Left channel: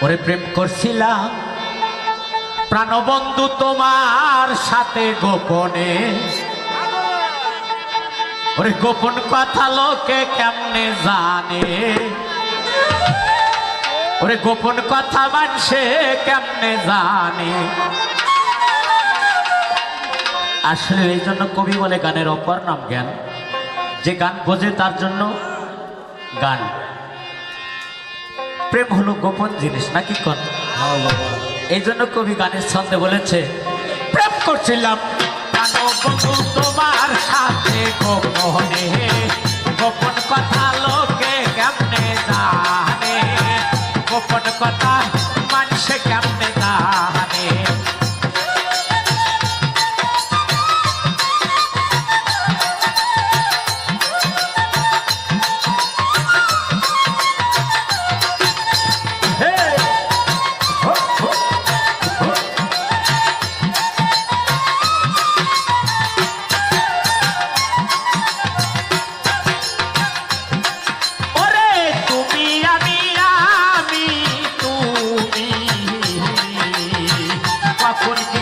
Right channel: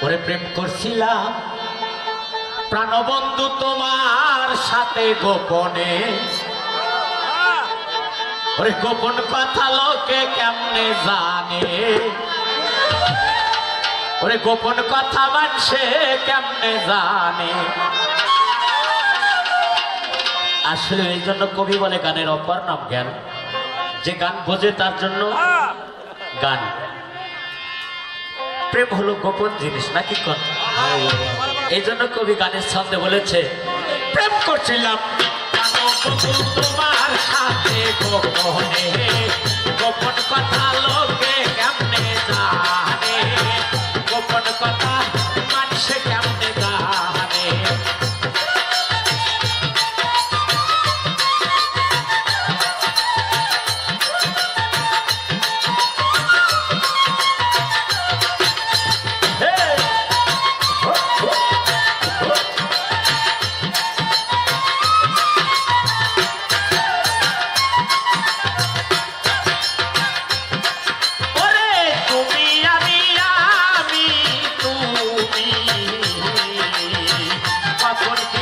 প্রেম করছিলাম। প্রাণবন্ধু তোমার সাথে গোপনে। ওরে গোপন কথা লোকে কেমনে জানে? ওরে গোপন কথা মানুষে কেমনে জানে? আসলে এই জন্য কবি বলে, গানের অপর নাম জ্ঞান। যে গান বোঝে তার জন্য গান। প্রেম হলো গোপন জিনিস, নাকি কন? এই জন্য কবি গানের ছন্দে বলেছে, প্রেম করছিলাম তোমার সাথে গোপনে গোপন কথা লোকে কেমনে জানে? গোপন কথা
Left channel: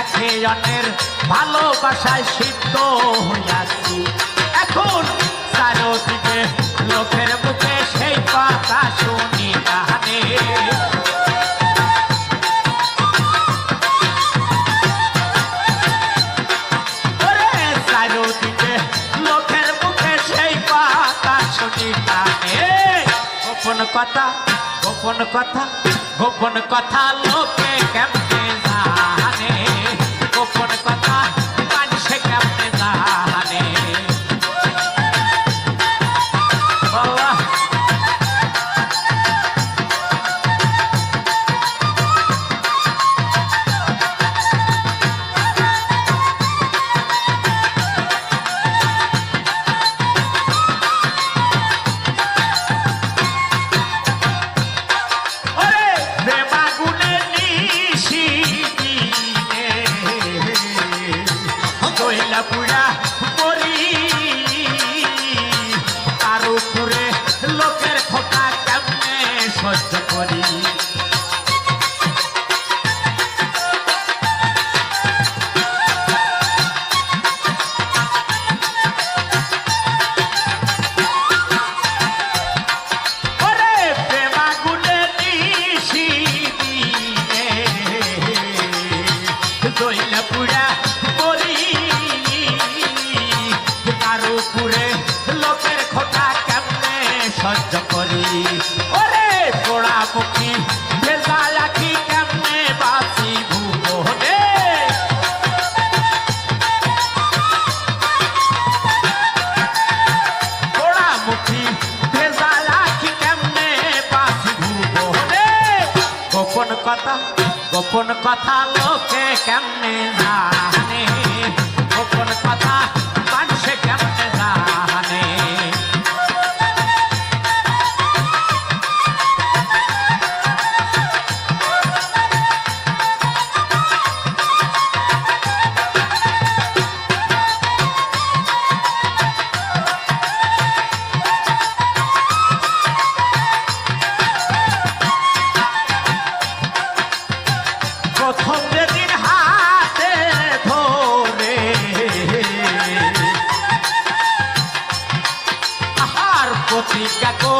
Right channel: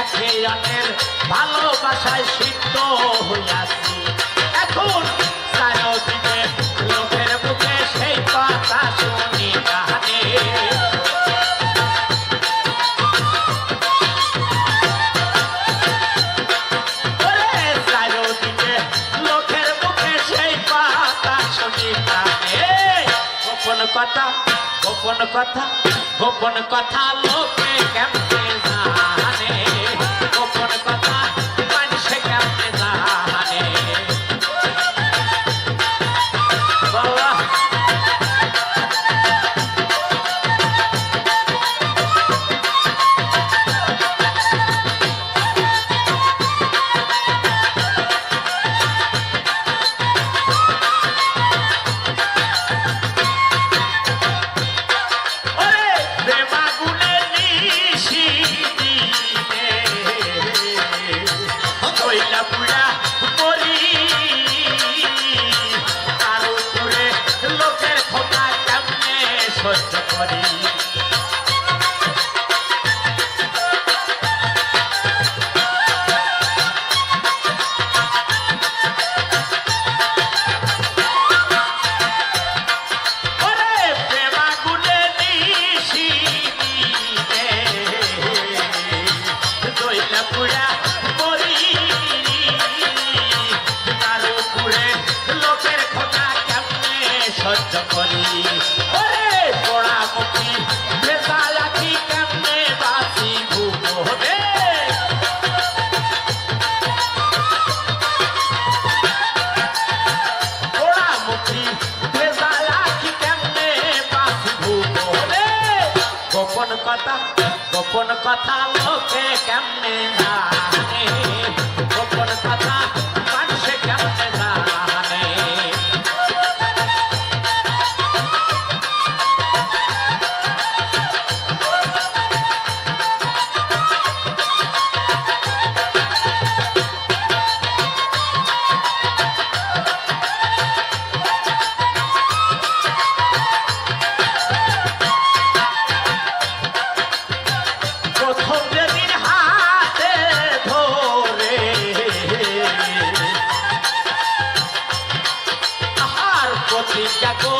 একে অন্যের ভালোবাসায় সিদ্ধ হইয়াছি। এখন লোকের মুখে সেই কথা শুনি কানে গোপন কথা গোপন কথা গোপন কথা লোকে কেমনে করি। গোপন কথা গোপন কথা লোকে কেমনে জানে? গোপন কথা ya con